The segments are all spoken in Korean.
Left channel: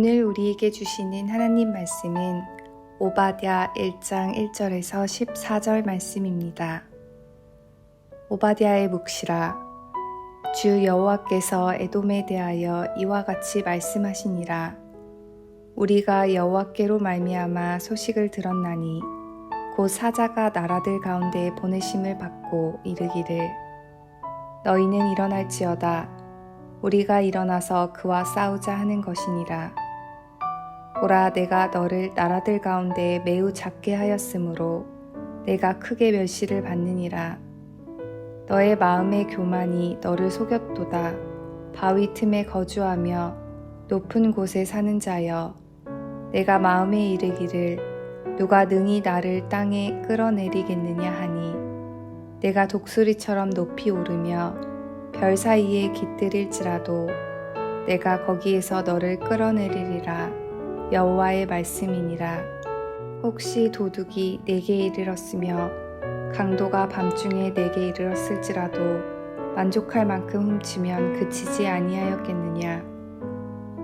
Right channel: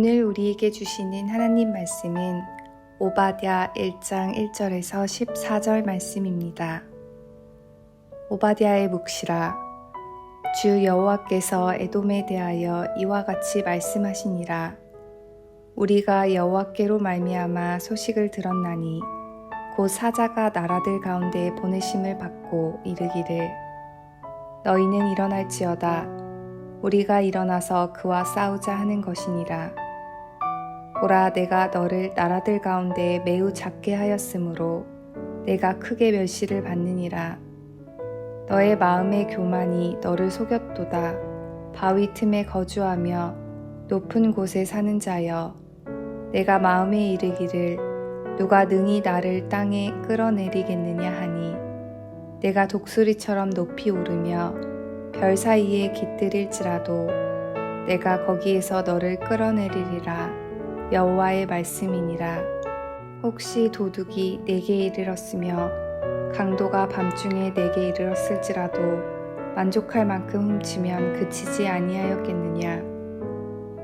오늘 우리에게 주시는 하나님 말씀은 오바댜 1장 1절에서 14절 말씀입니다. 오바댜의 묵시라. 주 여호와께서 에돔에 대하여 이와 같이 말씀하시니라. 우리가 여호와께로 말미암아 소식을 들었나니 곧 사자가 나라들 가운데 보내심을 받고 이르기를 너희는 일어날지어다. 우리가 일어나서 그와 싸우자 하는 것이니라. 보라, 내가 너를 나라들 가운데 매우 작게 하였으므로 내가 크게 멸시를 받느니라. 너의 마음의 교만이 너를 속였도다. 바위 틈에 거주하며 높은 곳에 사는 자여, 내가 마음에 이르기를 누가 능히 나를 땅에 끌어내리겠느냐 하니 내가 독수리처럼 높이 오르며 별 사이에 깃들일지라도 내가 거기에서 너를 끌어내리리라. 여호와의 말씀이니라. 혹시 도둑이 내게 이르렀으며 강도가 밤중에 내게 이르렀을지라도 만족할 만큼 훔치면 그치지 아니하였겠느냐.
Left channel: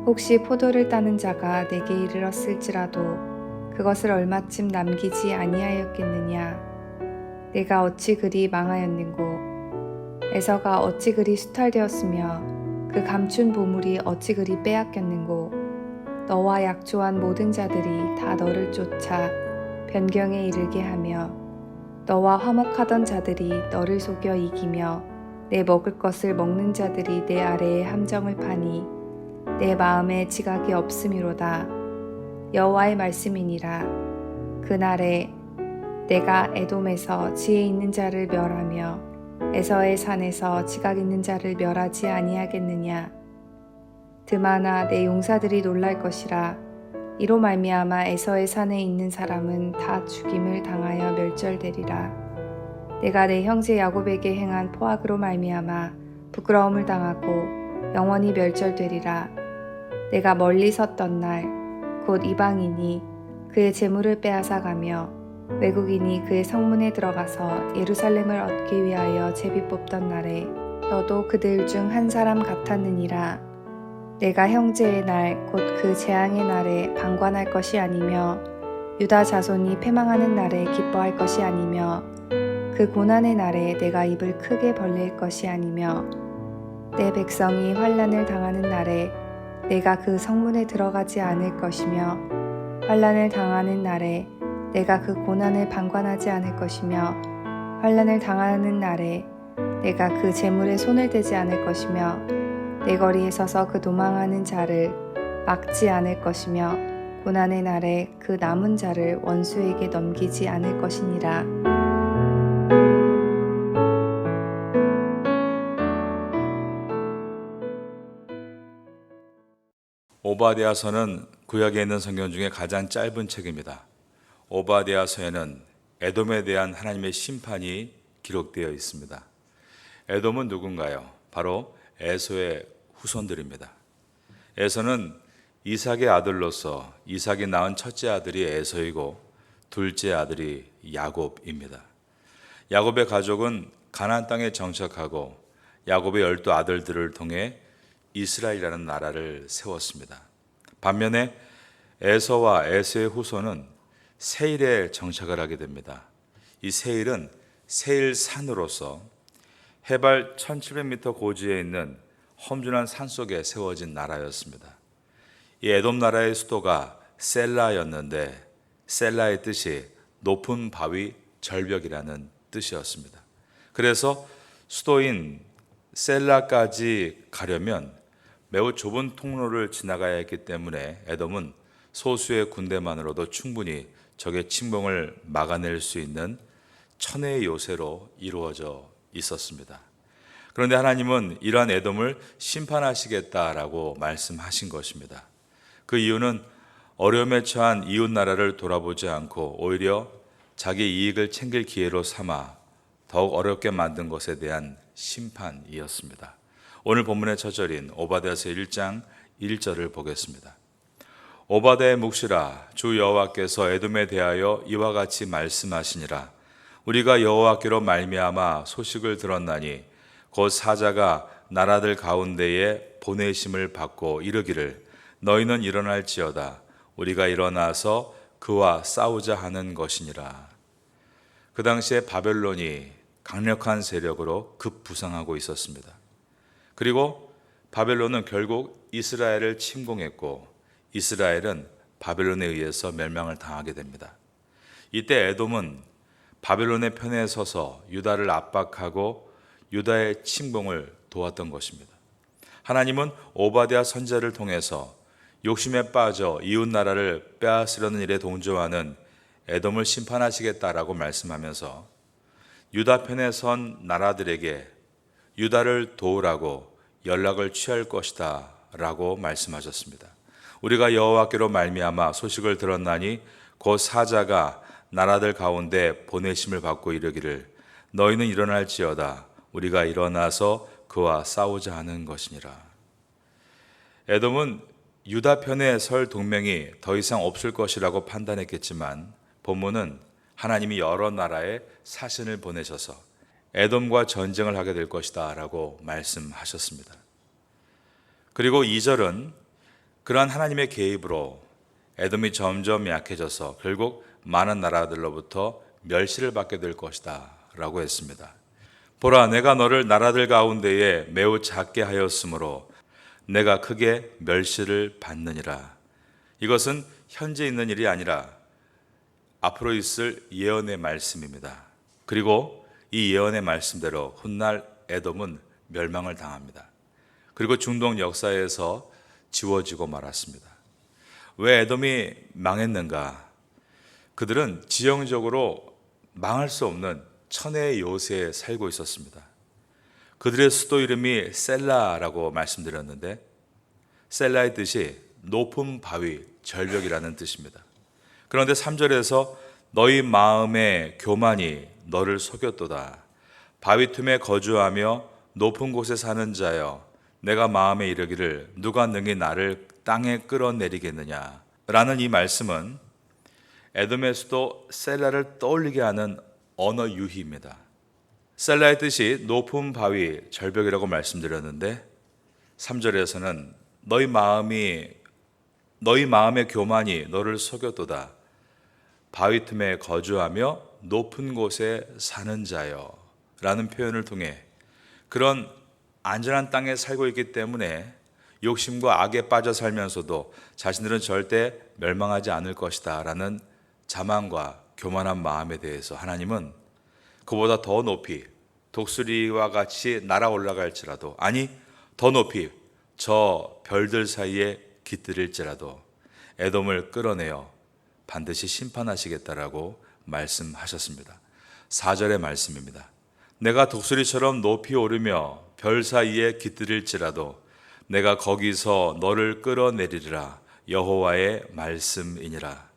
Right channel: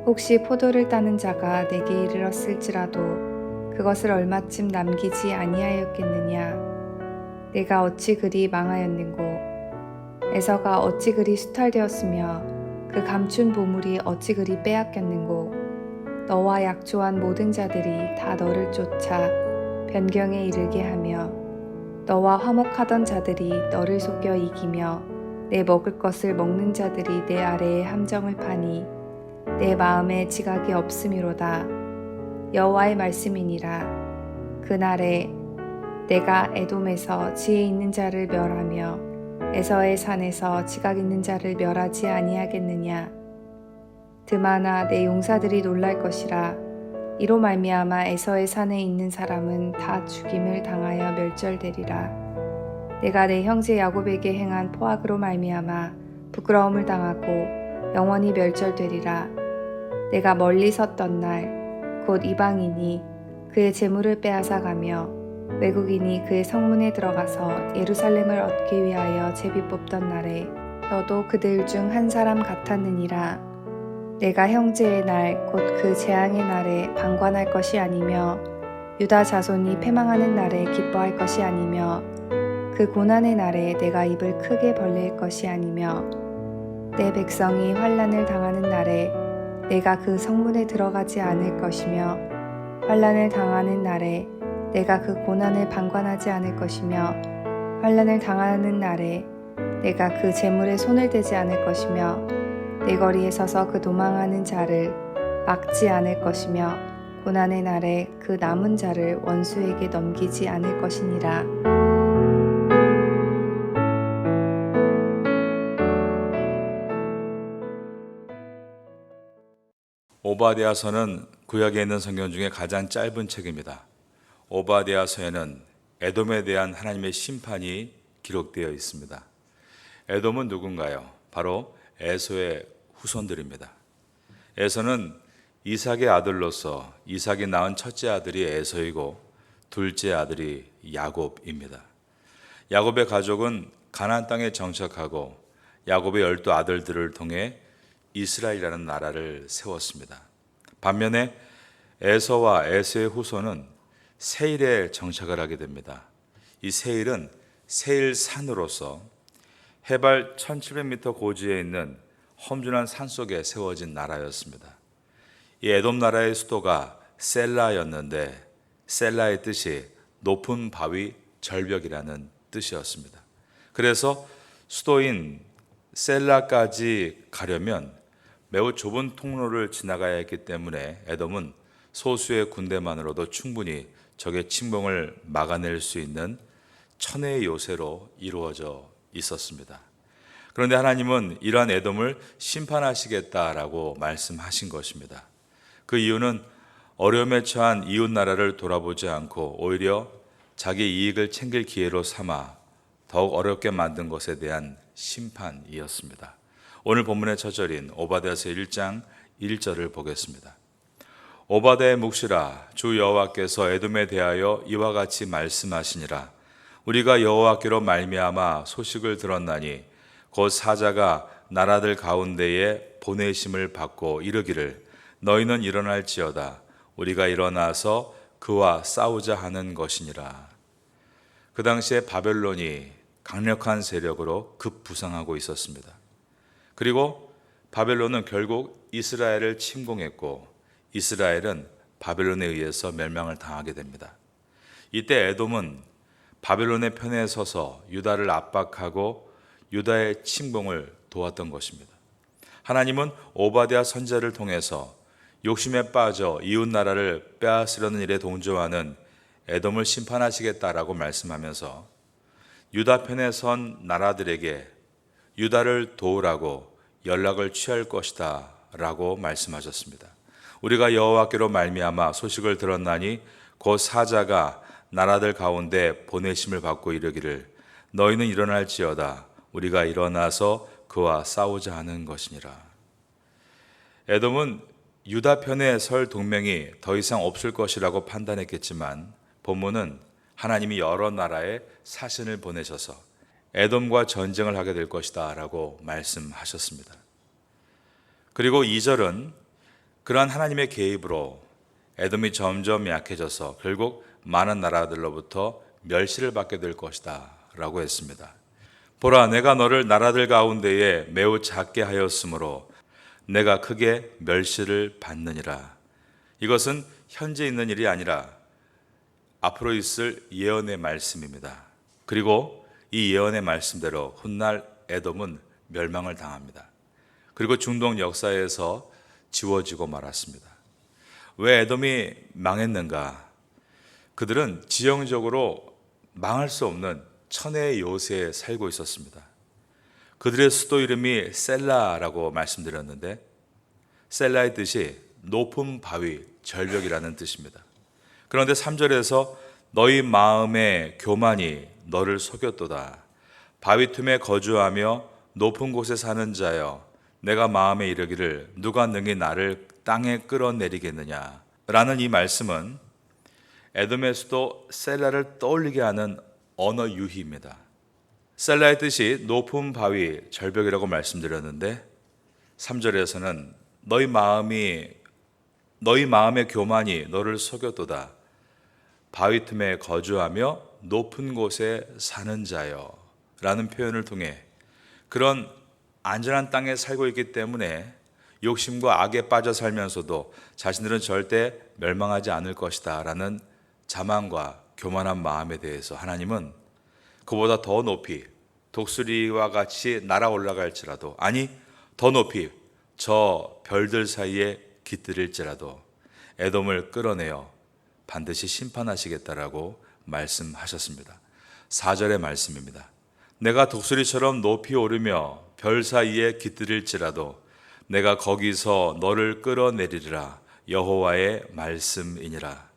혹시 포도를 따는 자가 내게 이르렀을지라도 그것을 얼마쯤 남기지 아니하였겠느냐. 내가 어찌 그리 망하였는고. 에서가 어찌 그리 수탈되었으며 그 감춘 보물이 어찌 그리 빼앗겼는고. 너와 약조한 모든 자들이 다 너를 쫓아 변경에 이르게 하며 너와 화목하던 자들이 너를 속여 이기며 내 먹을 것을 먹는 자들이 내 아래에 함정을 파니 내 마음에 지각이 없음이로다. 여호와의 말씀이니라. 그날에 내가 에돔에서 지혜 있는 자를 멸하며 에서의 산에서 지각 있는 자를 멸하지 아니하겠느냐. 드마나 내 용사들이 놀랄 것이라. 이로 말미암아 에서의 산에 있는 사람은 다 죽임을 당하여 멸절되리라. 내가 내 형제 야곱에게 행한 포악으로 말미암아 부끄러움을 당하고 영원히 멸절되리라. 내가 멀리 섰던 날 곧 이방인이 그의 재물을 빼앗아 가며 외국인이 그의 성문에 들어가서 예루살렘을 얻기 위하여 제비 뽑던 날에 너도 그들 중 한 사람 같았느니라. 내가 형제의 날 곧 그 재앙의 날에 방관할 것이 아니며 유다 자손이 패망하는 날에 기뻐할 것이 아니며 그 고난의 날에 내가 입을 크게 벌릴 것이 아니며 내 백성이 환난을 당하는 날에 내가 그 성문에 들어가지 않을 것이며 환난을 당하는 날에 내가 그 고난을 방관하지 않을 것이며 환난을 당하는 날에 내가 그 재물에 손을 대지 않을 것이며 내 거리에 서서 그 도망하는 자를 막지 않을 것이며 고난의 날에 그 남은 자를 원수에게 넘기지 않을 것이니라. 오바댜서는 구약에 있는 성경 중에 가장 짧은 책입니다. 오바댜서에는 에돔에 대한 하나님의 심판이 기록되어 있습니다. 에돔은 누군가요? 바로 에서의 후손들입니다. 에서는 이삭의 아들로서 이삭이 낳은 첫째 아들이 에서이고 둘째 아들이 야곱입니다. 야곱의 가족은 가나안 땅에 정착하고 야곱의 12 아들들을 통해 이스라엘이라는 나라를 세웠습니다. 반면에 에서와 에서의 후손은 세일에 정착을 하게 됩니다. 이 세일은 세일산으로서 해발 1700m 고지에 있는 험준한 산 속에 세워진 나라였습니다. 이 에돔 나라의 수도가 셀라였는데 셀라의 뜻이 높은 바위 절벽이라는 뜻이었습니다. 그래서 수도인 셀라까지 가려면 매우 좁은 통로를 지나가야 했기 때문에 에돔은 소수의 군대만으로도 충분히 적의 침공을 막아낼 수 있는 천혜의 요새로 이루어져 있었습니다. 그런데 하나님은 이러한 에돔을 심판하시겠다라고 말씀하신 것입니다. 그 이유는 어려움에 처한 이웃 나라를 돌아보지 않고 오히려 자기 이익을 챙길 기회로 삼아 더욱 어렵게 만든 것에 대한 심판이었습니다. 오늘 본문의 첫 절인 오바댜서 1장 1절을 보겠습니다. 오바댜의 묵시라. 주 여호와께서 에돔에 대하여 이와 같이 말씀하시니라. 우리가 여호와께로 말미암아 소식을 들었나니 곧 사자가 나라들 가운데에 보내심을 받고 이르기를 너희는 일어날지어다. 우리가 일어나서 그와 싸우자 하는 것이니라. 그 당시에 바벨론이 강력한 세력으로 급부상하고 있었습니다. 그리고 바벨론은 결국 이스라엘을 침공했고 이스라엘은 바벨론에 의해서 멸망을 당하게 됩니다. 이때 에돔은 바벨론의 편에 서서 유다를 압박하고 유다의 침공을 도왔던 것입니다. 하나님은 오바댜 선지자를 통해서 욕심에 빠져 이웃 나라를 빼앗으려는 일에 동조하는 에돔을 심판하시겠다라고 말씀하면서 유다 편에 선 나라들에게 유다를 도우라고 연락을 취할 것이다 라고 말씀하셨습니다. 우리가 여호와께로 말미암아 소식을 들었나니 곧 사자가 나라들 가운데 보내심을 받고 이르기를 너희는 일어날지어다. 우리가 일어나서 그와 싸우자 하는 것이니라. 에돔은 유다 편에 설 동맹이 더 이상 없을 것이라고 판단했겠지만 본문은 하나님이 여러 나라에 사신을 보내셔서 에돔과 전쟁을 하게 될 것이다 라고 말씀하셨습니다. 그리고 2절은 그러한 하나님의 개입으로 에돔이 점점 약해져서 결국 많은 나라들로부터 멸시를 받게 될 것이다 라고 했습니다. 보라, 내가 너를 나라들 가운데에 매우 작게 하였으므로 내가 크게 멸시를 받느니라. 이것은 현재 있는 일이 아니라 앞으로 있을 예언의 말씀입니다. 그리고 이 예언의 말씀대로 훗날 에돔은 멸망을 당합니다. 그리고 중동 역사에서 지워지고 말았습니다. 왜 에돔이 망했는가? 그들은 지형적으로 망할 수 없는 천혜의 요새에 살고 있었습니다. 그들의 수도 이름이 셀라라고 말씀드렸는데 셀라의 뜻이 높은 바위, 절벽이라는 뜻입니다. 그런데 3절에서 너희 마음의 교만이 너를 속였도다. 바위 틈에 거주하며 높은 곳에 사는 자여, 내가 마음에 이르기를 누가 능히 나를 땅에 끌어내리겠느냐 라는 이 말씀은 에돔의 수도 셀라를 떠올리게 하는 언어 유희입니다. 셀라의 뜻이 높은 바위, 절벽이라고 말씀드렸는데 3절에서는 너희 마음의 교만이 너를 속였도다. 바위 틈에 거주하며 높은 곳에 사는 자여 라는 표현을 통해 그런 안전한 땅에 살고 있기 때문에 욕심과 악에 빠져 살면서도 자신들은 절대 멸망하지 않을 것이다 라는 자만과 교만한 마음에 대해서 하나님은 그보다 더 높이 독수리와 같이 날아 올라갈지라도, 아니 더 높이 저 별들 사이에 깃들일지라도 에돔을 끌어내어 반드시 심판하시겠다라고 말씀하셨습니다. 4절의 말씀입니다. 내가 독수리처럼 높이 오르며 별 사이에 깃들일지라도 내가 거기서 너를 끌어내리리라. 여호와의 말씀이니라.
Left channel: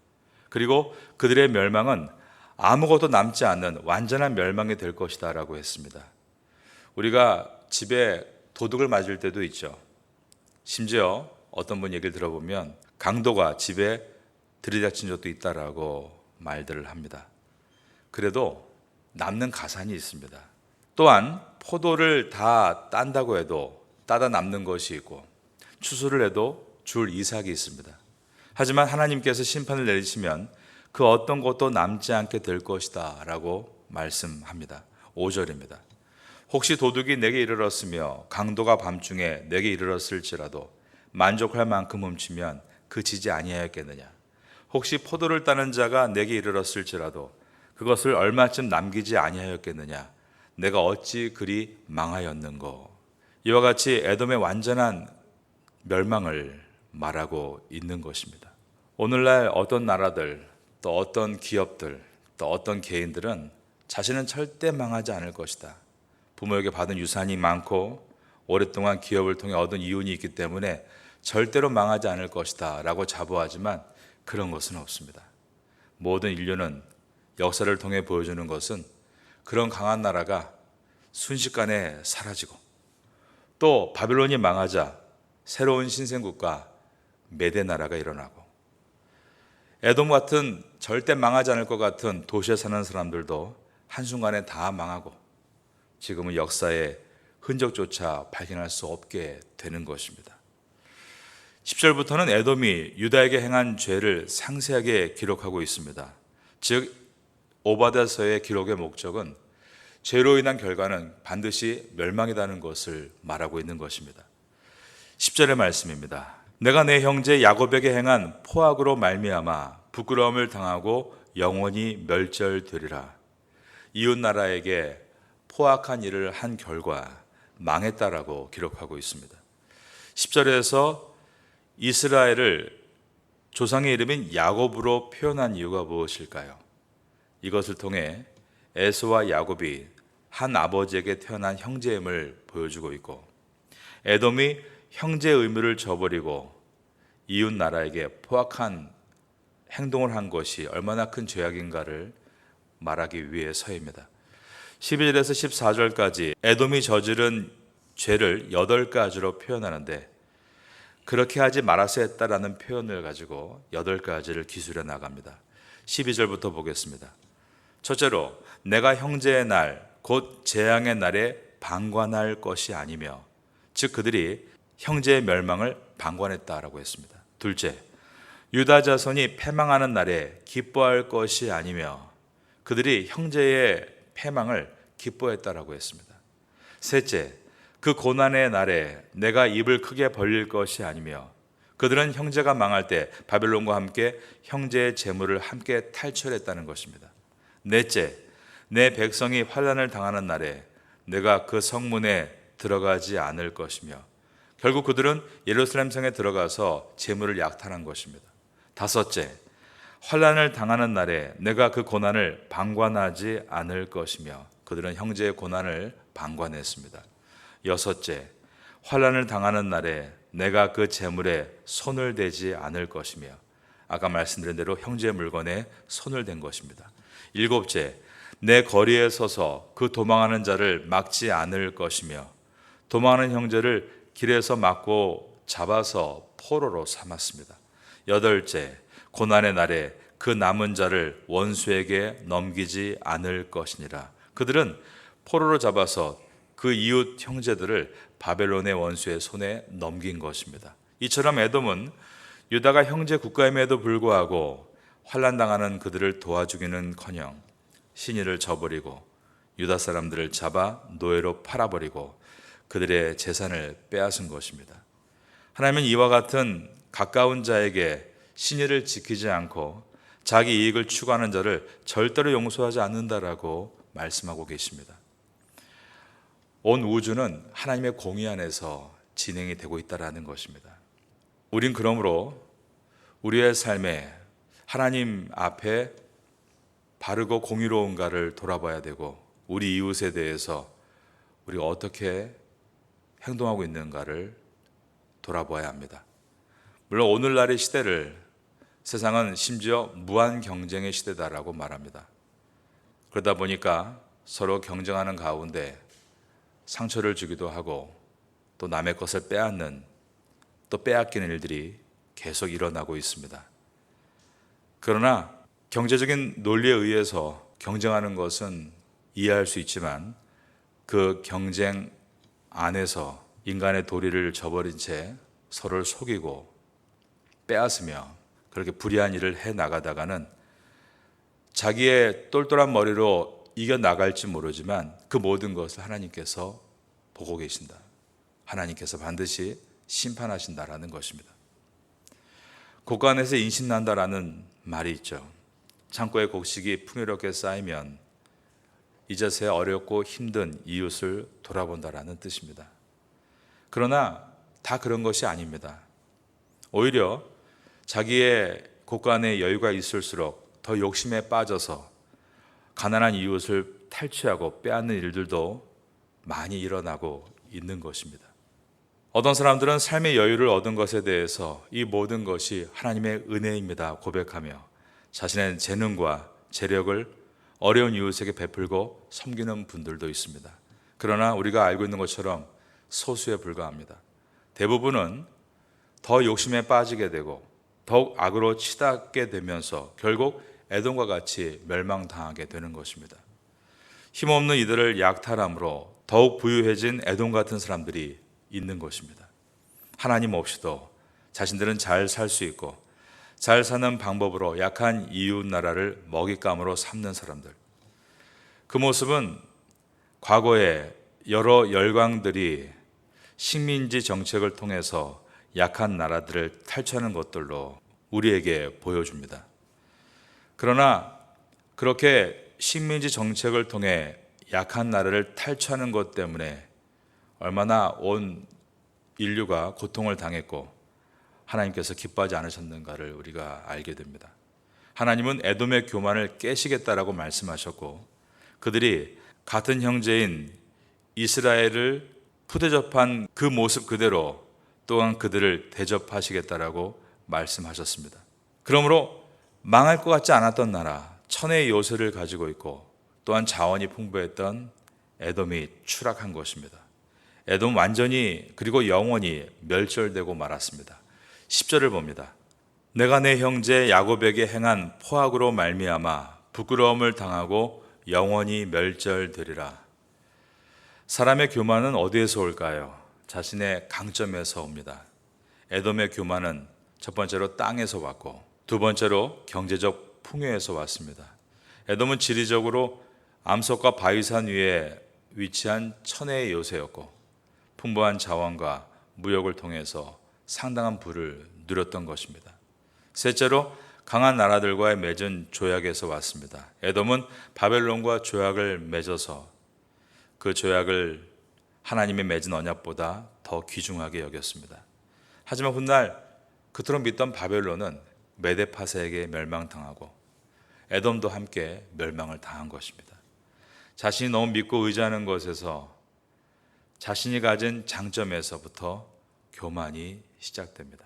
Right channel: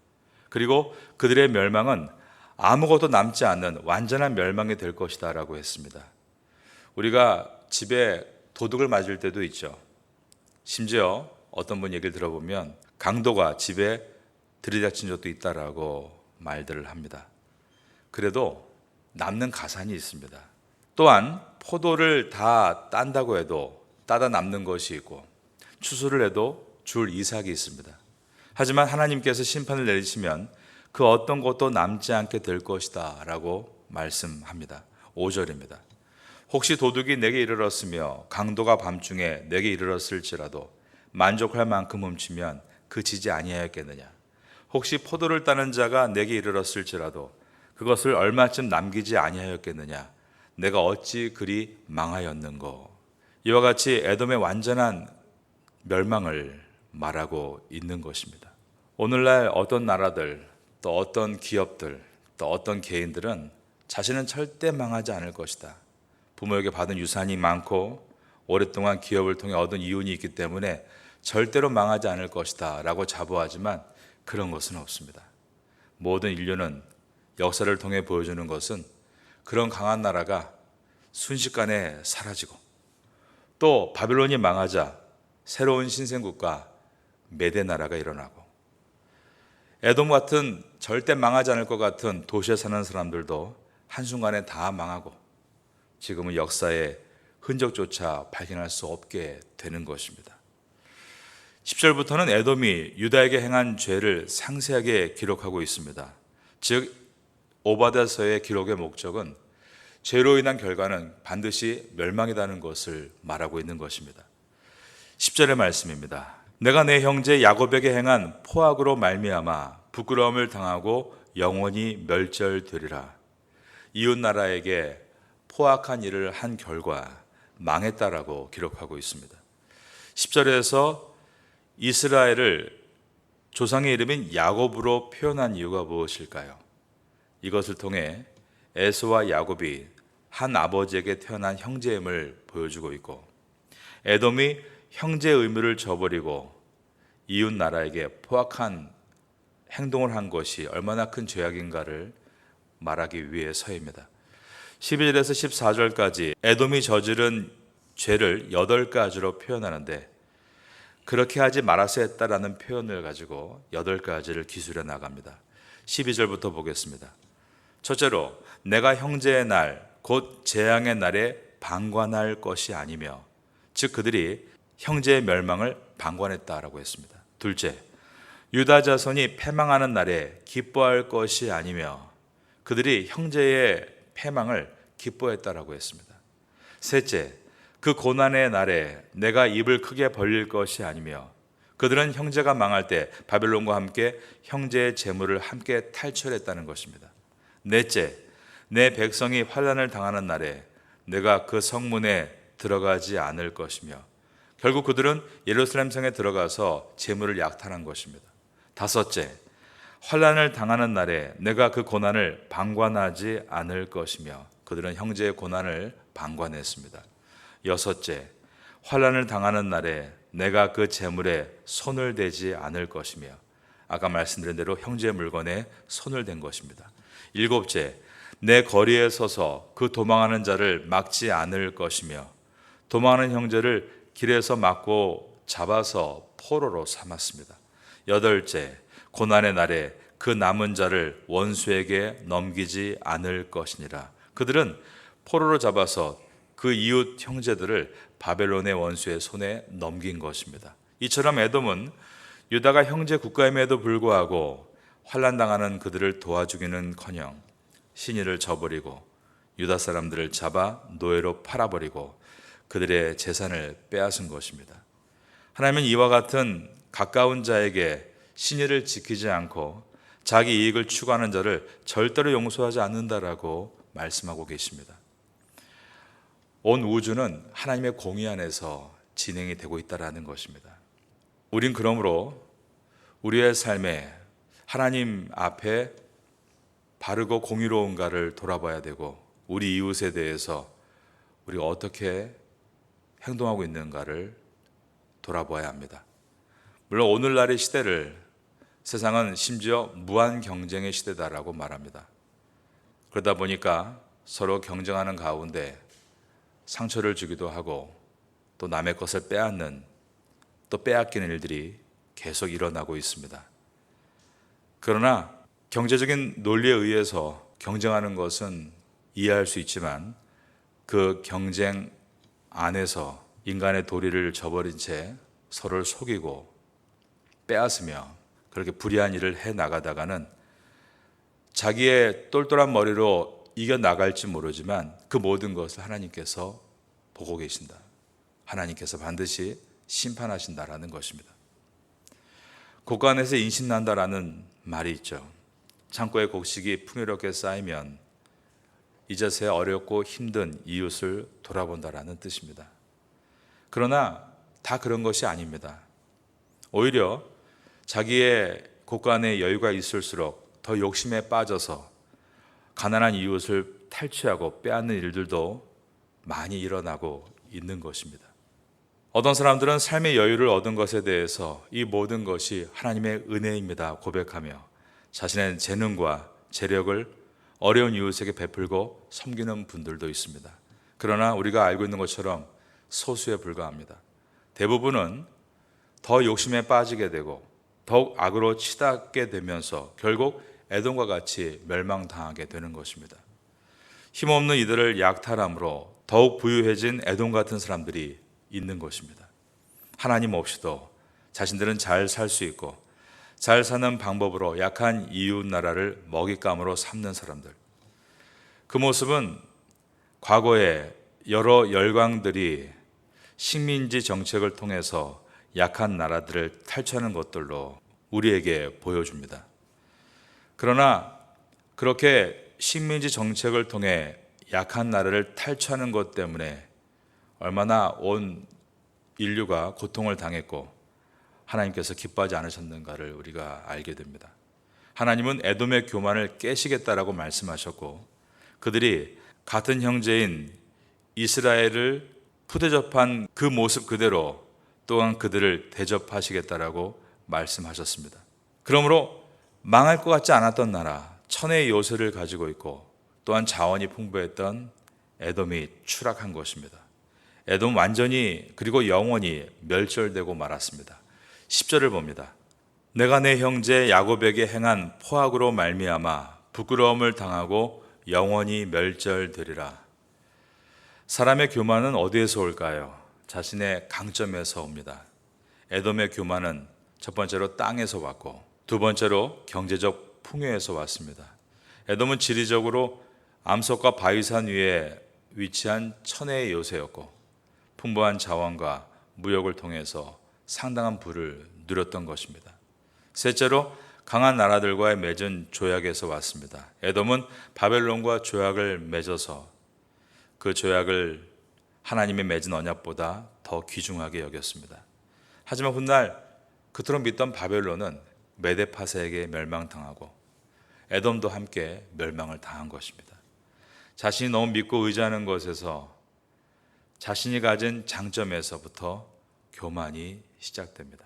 그리고 그들의 멸망은 아무것도 남지 않는 완전한 멸망이 될 것이다 라고 했습니다. 우리가 집에 도둑을 맞을 때도 있죠. 심지어 어떤 분 얘기를 들어보면 강도가 집에 들이닥친 적도 있다라고 말들을 합니다. 그래도 남는 가산이 있습니다. 또한 포도를 다 딴다고 해도 따다 남는 것이 있고 추수를 해도 줄 이삭이 있습니다. 하지만 하나님께서 심판을 내리시면 그 어떤 것도 남지 않게 될 것이다 라고 말씀합니다. 5절입니다. 혹시 도둑이 내게 이르렀으며 강도가 밤중에 내게 이르렀을지라도 만족할 만큼 훔치면 그치지 아니하였겠느냐. 혹시 포도를 따는 자가 내게 이르렀을지라도 그것을 얼마쯤 남기지 아니하였겠느냐. 내가 어찌 그리 망하였는고. 이와 같이 에돔의 완전한 멸망을 말하고 있는 것입니다. 오늘날 어떤 나라들, 또 어떤 기업들, 또 어떤 개인들은 자신은 절대 망하지 않을 것이다. 부모에게 받은 유산이 많고 오랫동안 기업을 통해 얻은 이윤이 있기 때문에 절대로 망하지 않을 것이다 라고 자부하지만 그런 것은 없습니다. 모든 인류는 역사를 통해 보여주는 것은 그런 강한 나라가 순식간에 사라지고 또 바빌론이 망하자 새로운 신생국가 메대 나라가 일어나고 에돔 같은 절대 망하지 않을 것 같은 도시에 사는 사람들도 한순간에 다 망하고 지금은 역사의 흔적조차 발견할 수 없게 되는 것입니다. 10절부터는 에돔이 유다에게 행한 죄를 상세하게 기록하고 있습니다. 즉 오바댜서의 기록의 목적은 죄로 인한 결과는 반드시 멸망이라는 것을 말하고 있는 것입니다. 10절의 말씀입니다. 내가 내 형제 야곱에게 행한 포악으로 말미암아 부끄러움을 당하고 영원히 멸절되리라. 이웃 나라에게 포악한 일을 한 결과 망했다라고 기록하고 있습니다. 10절에서 이스라엘을 조상의 이름인 야곱으로 표현한 이유가 무엇일까요? 이것을 통해 에서와 야곱이 한 아버지에게 태어난 형제임을 보여주고 있고, 에돔이 형제의 의무를 저버리고 이웃 나라에게 포악한 행동을 한 것이 얼마나 큰 죄악인가를 말하기 위해서입니다. 12절에서 14절까지 에돔이 저지른 죄를 8가지로 표현하는데, 그렇게 하지 말아서 했다라는 표현을 가지고 8가지를 기술해 나갑니다. 12절부터 보겠습니다. 첫째로, 내가 형제의 날 곧 재앙의 날에 방관할 것이 아니며, 즉 그들이 형제의 멸망을 방관했다라고 했습니다. 둘째, 유다 자손이 패망하는 날에 기뻐할 것이 아니며 그들이 형제의 패망을 기뻐했다라고 했습니다. 셋째, 그 고난의 날에 내가 입을 크게 벌릴 것이 아니며 그들은 형제가 망할 때 바벨론과 함께 형제의 재물을 함께 탈취했다는 것입니다. 넷째, 내 백성이 환난을 당하는 날에 내가 그 성문에 들어가지 않을 것이며 결국 그들은 예루살렘 성에 들어가서 재물을 약탈한 것입니다. 다섯째, 환난을 당하는 날에 내가 그 고난을 방관하지 않을 것이며 그들은 형제의 고난을 방관했습니다. 여섯째, 환난을 당하는 날에 내가 그 재물에 손을 대지 않을 것이며 아까 말씀드린 대로 형제의 물건에 손을 댄 것입니다. 일곱째, 내 거리에 서서 그 도망하는 자를 막지 않을 것이며 도망하는 형제를 길에서 막고 잡아서 포로로 삼았습니다. 여덟째, 고난의 날에 그 남은 자를 원수에게 넘기지 않을 것이니라. 그들은 포로로 잡아서 그 이웃 형제들을 바벨론의 원수의 손에 넘긴 것입니다. 이처럼 에돔은 유다가 형제 국가임에도 불구하고 환난당하는 그들을 도와주기는커녕 신의를 저버리고 유다 사람들을 잡아 노예로 팔아버리고 그들의 재산을 빼앗은 것입니다. 하나님은 이와 같은 가까운 자에게 신의를 지키지 않고 자기 이익을 추구하는 자를 절대로 용서하지 않는다라고 말씀하고 계십니다. 온 우주는 하나님의 공의 안에서 진행이 되고 있다라는 것입니다. 우린 그러므로 우리의 삶에 하나님 앞에 바르고 공의로운가를 돌아봐야 되고 우리 이웃에 대해서 우리가 어떻게 행동하고 있는가를 돌아봐야 합니다. 물론 오늘날의 시대를 세상은 심지어 무한 경쟁의 시대다라고 말합니다. 그러다 보니까 서로 경쟁하는 가운데 상처를 주기도 하고 또 남의 것을 빼앗는 또 빼앗기는 일들이 계속 일어나고 있습니다. 그러나 경제적인 논리에 의해서 경쟁하는 것은 이해할 수 있지만 그 경쟁 안에서 인간의 도리를 저버린 채 서로를 속이고 빼앗으며 그렇게 불의한 일을 해 나가다가는 자기의 똘똘한 머리로 이겨나갈지 모르지만 그 모든 것을 하나님께서 보고 계신다. 하나님께서 반드시 심판하신다라는 것입니다. 곡간에서 인신난다라는 말이 있죠. 창고에 곡식이 풍요롭게 쌓이면 이제서야 어렵고 힘든 이웃을 돌아본다라는 뜻입니다. 그러나 다 그런 것이 아닙니다. 오히려 자기의 곳간에 여유가 있을수록 더 욕심에 빠져서 가난한 이웃을 탈취하고 빼앗는 일들도 많이 일어나고 있는 것입니다. 어떤 사람들은 삶의 여유를 얻은 것에 대해서 이 모든 것이 하나님의 은혜입니다 고백하며 자신의 재능과 재력을 어려운 이웃에게 베풀고 섬기는 분들도 있습니다. 그러나 우리가 알고 있는 것처럼 소수에 불과합니다. 대부분은 더 욕심에 빠지게 되고 더욱 악으로 치닫게 되면서 결국 에돔과 같이 멸망당하게 되는 것입니다. 힘없는 이들을 약탈함으로 더욱 부유해진 에돔 같은 사람들이 있는 것입니다. 하나님 없이도 자신들은 잘 살 수 있고 잘 사는 방법으로 약한 이웃 나라를 먹잇감으로 삼는 사람들. 그 모습은 과거에 여러 열강들이 식민지 정책을 통해서 약한 나라들을 탈취하는 것들로 우리에게 보여줍니다. 그러나 그렇게 식민지 정책을 통해 약한 나라를 탈취하는 것 때문에 얼마나 온 인류가 고통을 당했고 하나님께서 기뻐하지 않으셨는가를 우리가 알게 됩니다. 하나님은 에돔의 교만을 깨시겠다라고 말씀하셨고 그들이 같은 형제인 이스라엘을 푸대접한 그 모습 그대로 또한 그들을 대접하시겠다라고 말씀하셨습니다. 그러므로 망할 것 같지 않았던 나라, 천혜의 요새를 가지고 있고 또한 자원이 풍부했던 에돔이 추락한 것입니다. 에돔 완전히 그리고 영원히 멸절되고 말았습니다. 10절을 봅니다. 내가 내 형제 야곱에게 행한 포악으로 말미암아 부끄러움을 당하고 영원히 멸절되리라. 사람의 교만은 어디에서 올까요? 자신의 강점에서 옵니다. 에돔의 교만은 첫 번째로 땅에서 왔고 두 번째로 경제적 풍요에서 왔습니다. 에돔은 지리적으로 암석과 바위산 위에 위치한 천혜의 요새였고 풍부한 자원과 무역을 통해서 상당한 부를 누렸던 것입니다. 셋째로 강한 나라들과의 맺은 조약에서 왔습니다. 에돔은 바벨론과 조약을 맺어서 그 조약을 하나님의 맺은 언약보다 더 귀중하게 여겼습니다. 하지만 훗날 그토록 믿던 바벨론은 메데파세에게 멸망당하고 에돔도 함께 멸망을 당한 것입니다. 자신이 너무 믿고 의지하는 것에서 자신이 가진 장점에서부터 교만이 시작됩니다.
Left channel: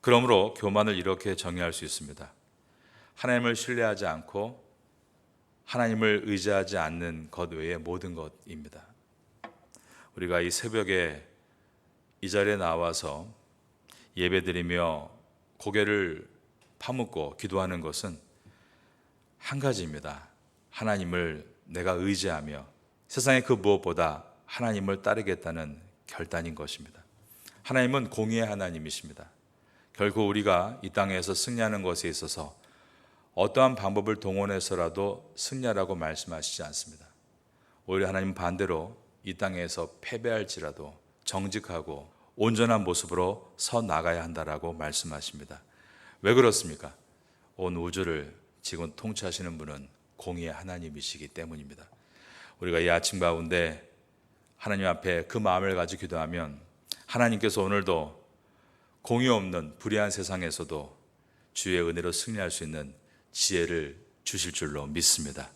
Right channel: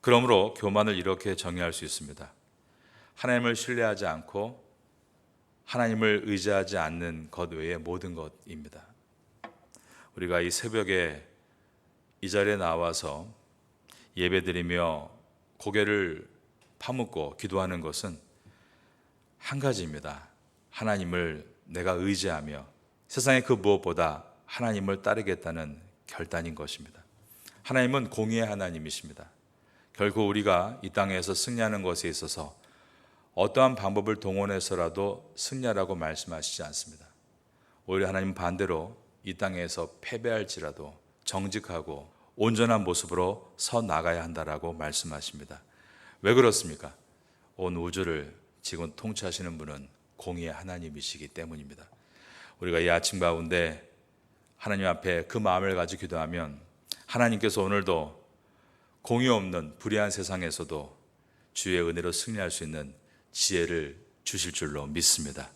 그러므로 교만을 이렇게 정의할 수 있습니다. 하나님을 신뢰하지 않고 하나님을 의지하지 않는 것 외의 모든 것입니다. 우리가 이 새벽에 이 자리에 나와서 예배드리며 고개를 파묻고 기도하는 것은 한 가지입니다. 하나님을 내가 의지하며 세상의 그 무엇보다 하나님을 따르겠다는 결단인 것입니다. 하나님은 공의의 하나님이십니다. 결코 우리가 이 땅에서 승리하는 것에 있어서 어떠한 방법을 동원해서라도 승리하라고 말씀하시지 않습니다. 오히려 하나님은 반대로 이 땅에서 패배할지라도 정직하고 온전한 모습으로 서 나가야 한다라고 말씀하십니다. 왜 그렇습니까? 온 우주를 지금 통치하시는 분은 공의의 하나님이시기 때문입니다. 우리가 이 아침 가운데 하나님 앞에 그 마음을 가지고 기도하면 하나님께서 오늘도 공의 없는 불의한 세상에서도 주의 은혜로 승리할 수 있는 지혜를 주실 줄로 믿습니다.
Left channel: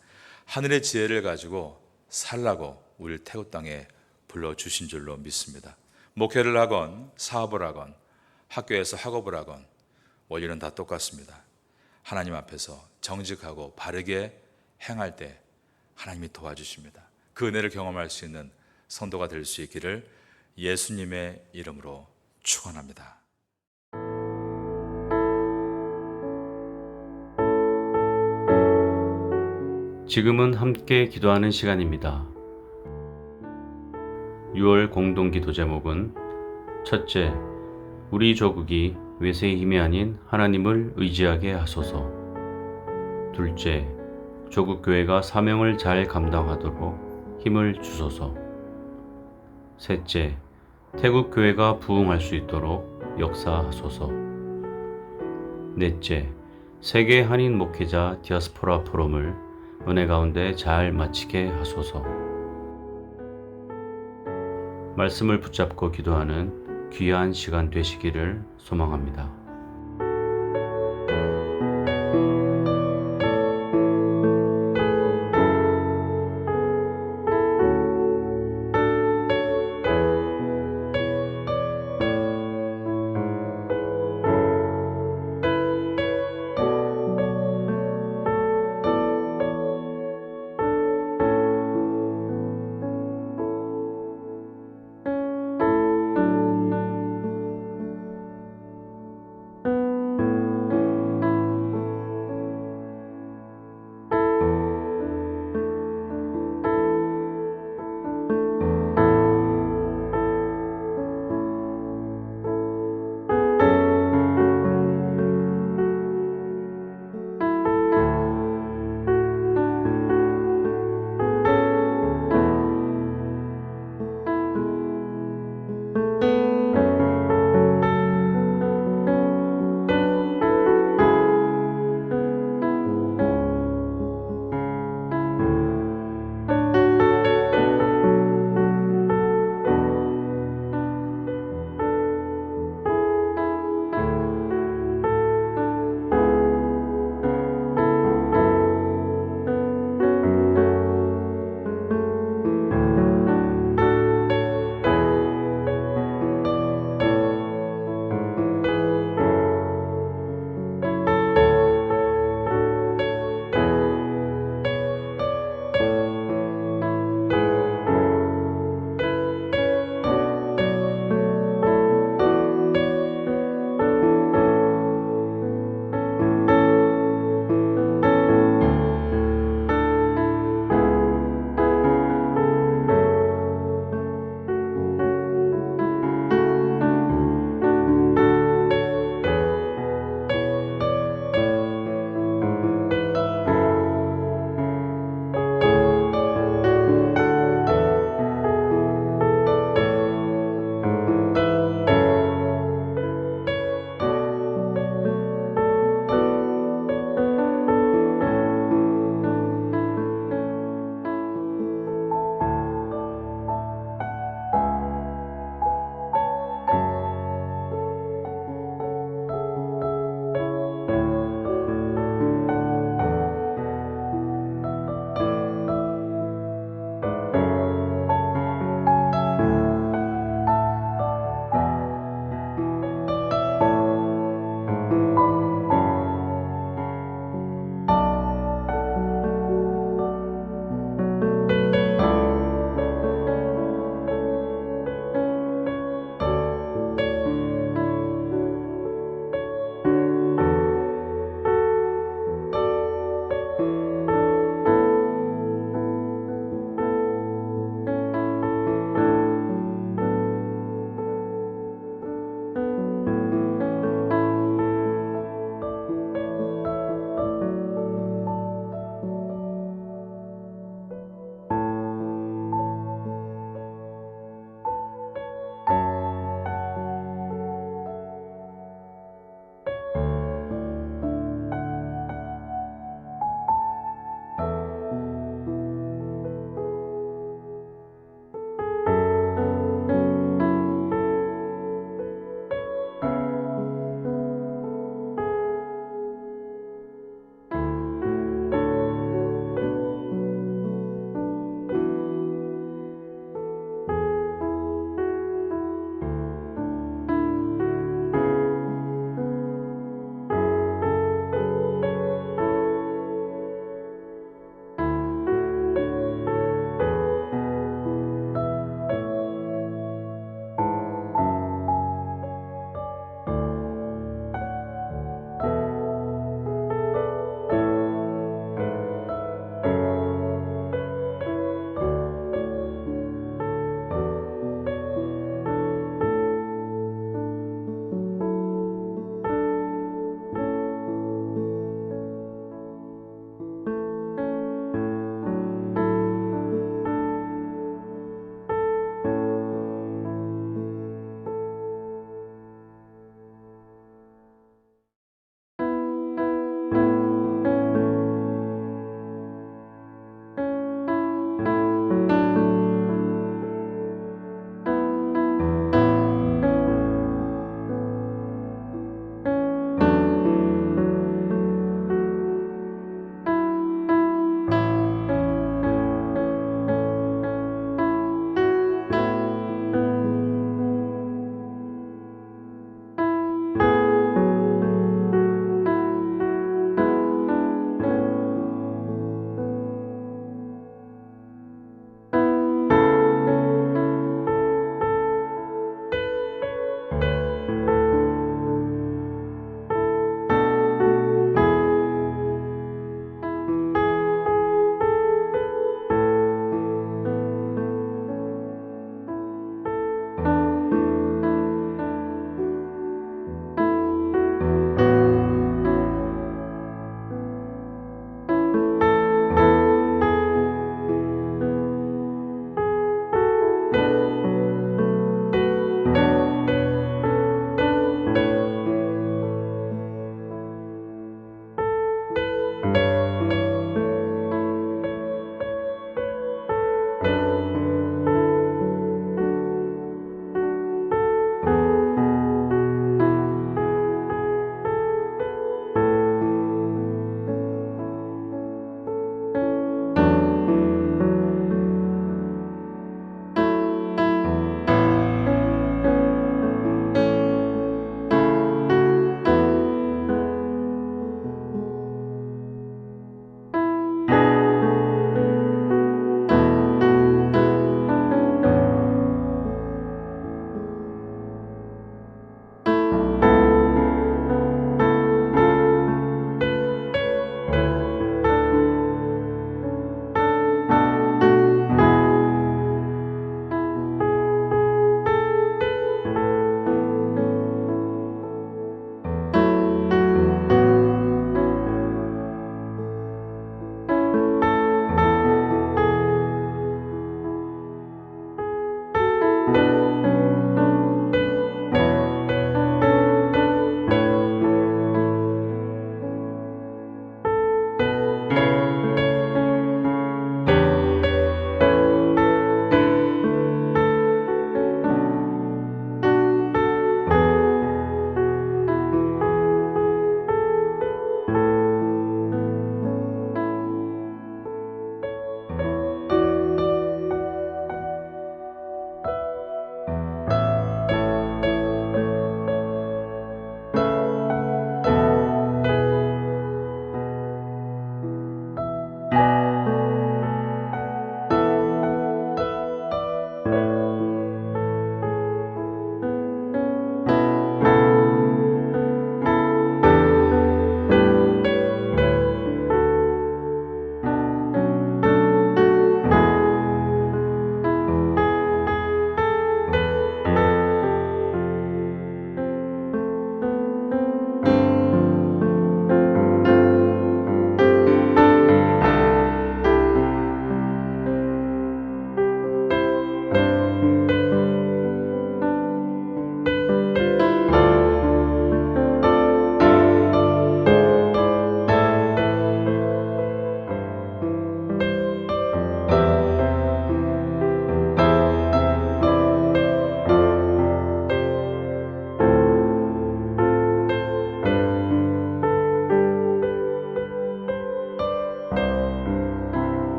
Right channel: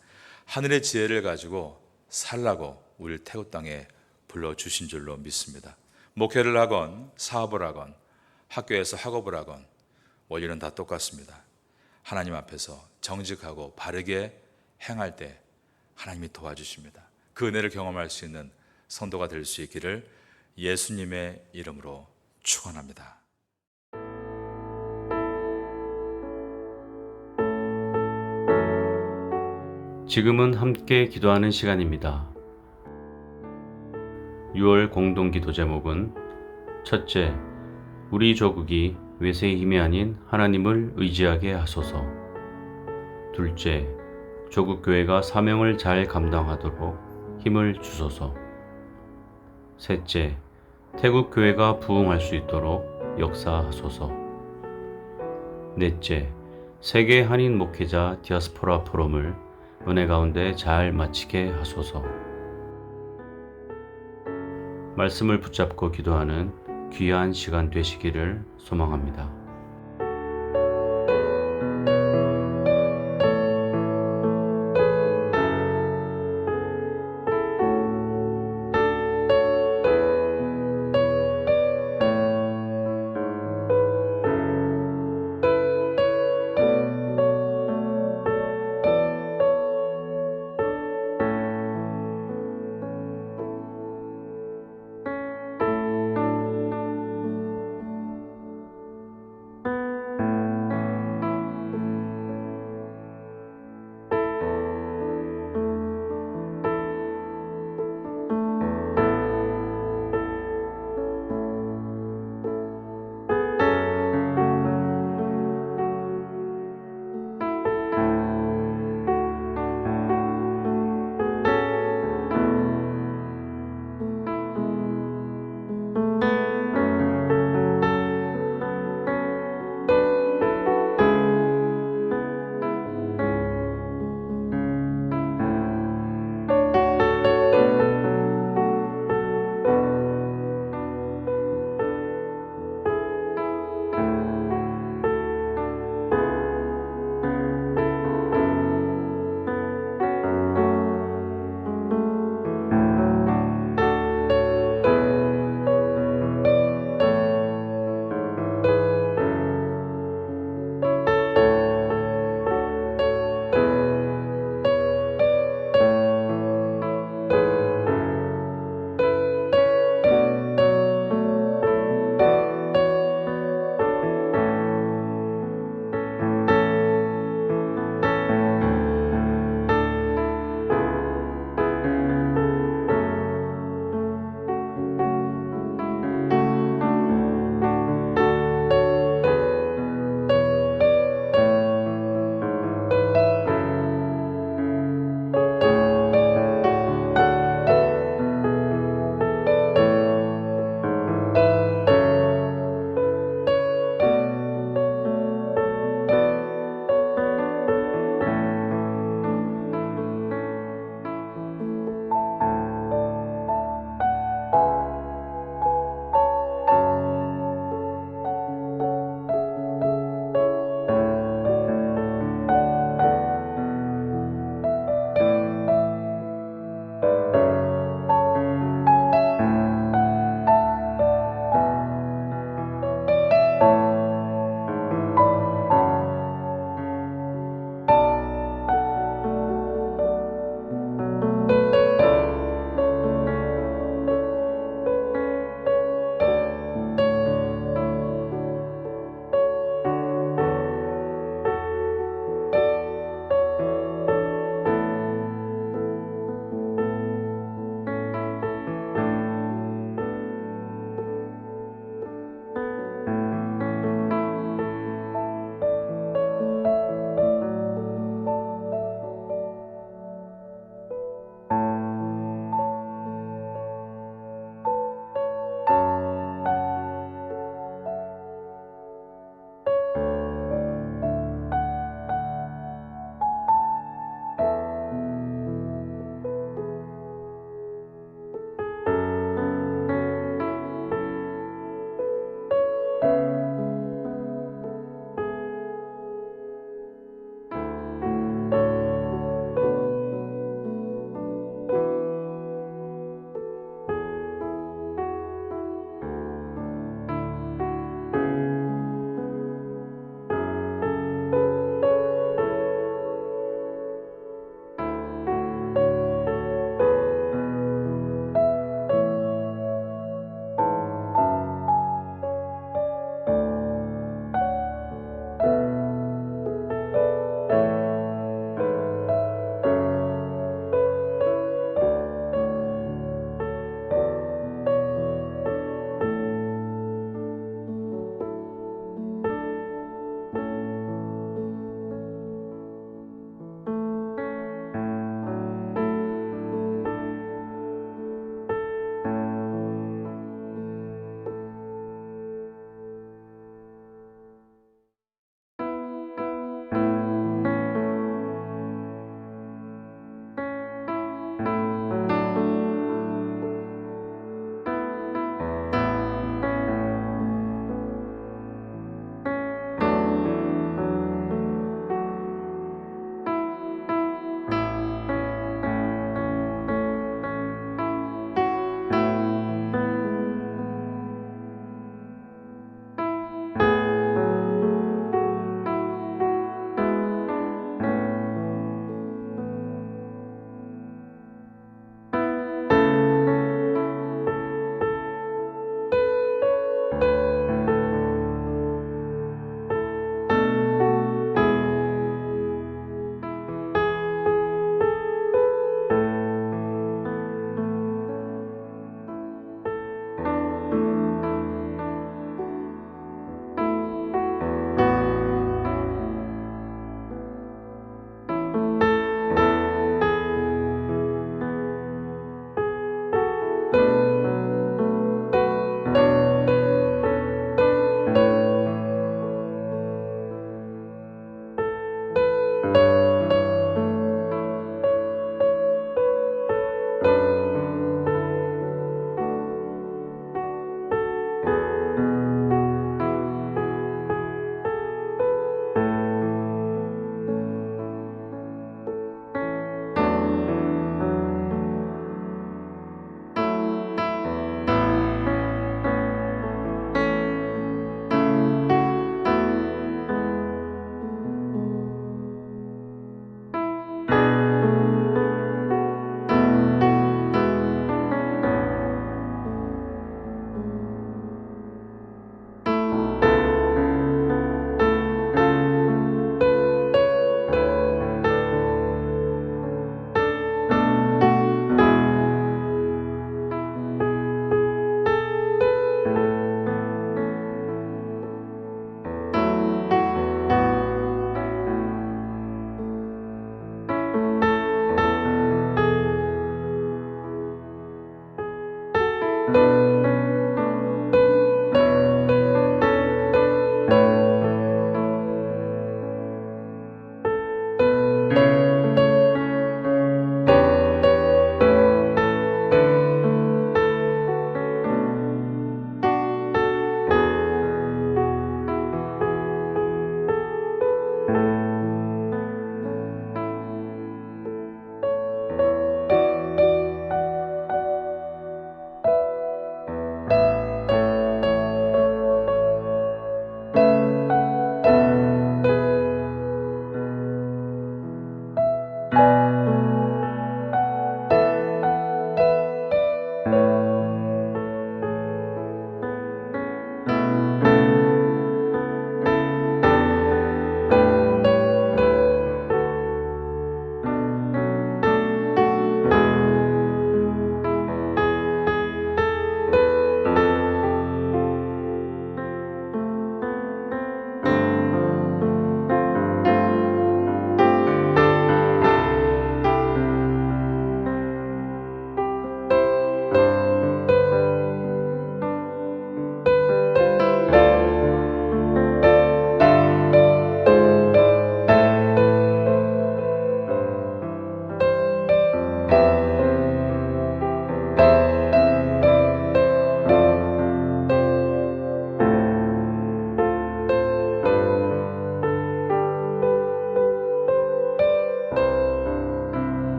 하늘의 지혜를 가지고 살라고 우리를 태국 땅에 불러주신 줄로 믿습니다. 목회를 하건 사업을 하건 학교에서 학업을 하건 원리는 다 똑같습니다. 하나님 앞에서 정직하고 바르게 행할 때 하나님이 도와주십니다. 그 은혜를 경험할 수 있는 성도가 될 수 있기를 예수님의 이름으로 축원합니다. 지금은 함께 기도하는 시간입니다. 6월 공동기도 제목은 첫째, 우리 조국이 외세의 힘이 아닌 하나님을 의지하게 하소서. 둘째, 조국교회가 사명을 잘 감당하도록 힘을 주소서. 셋째, 태국교회가 부흥할 수 있도록 역사하소서. 넷째, 세계 한인 목회자 디아스포라 포럼을 은혜 가운데 잘 마치게 하소서. 말씀을 붙잡고 기도하는 귀한 시간 되시기를 소망합니다.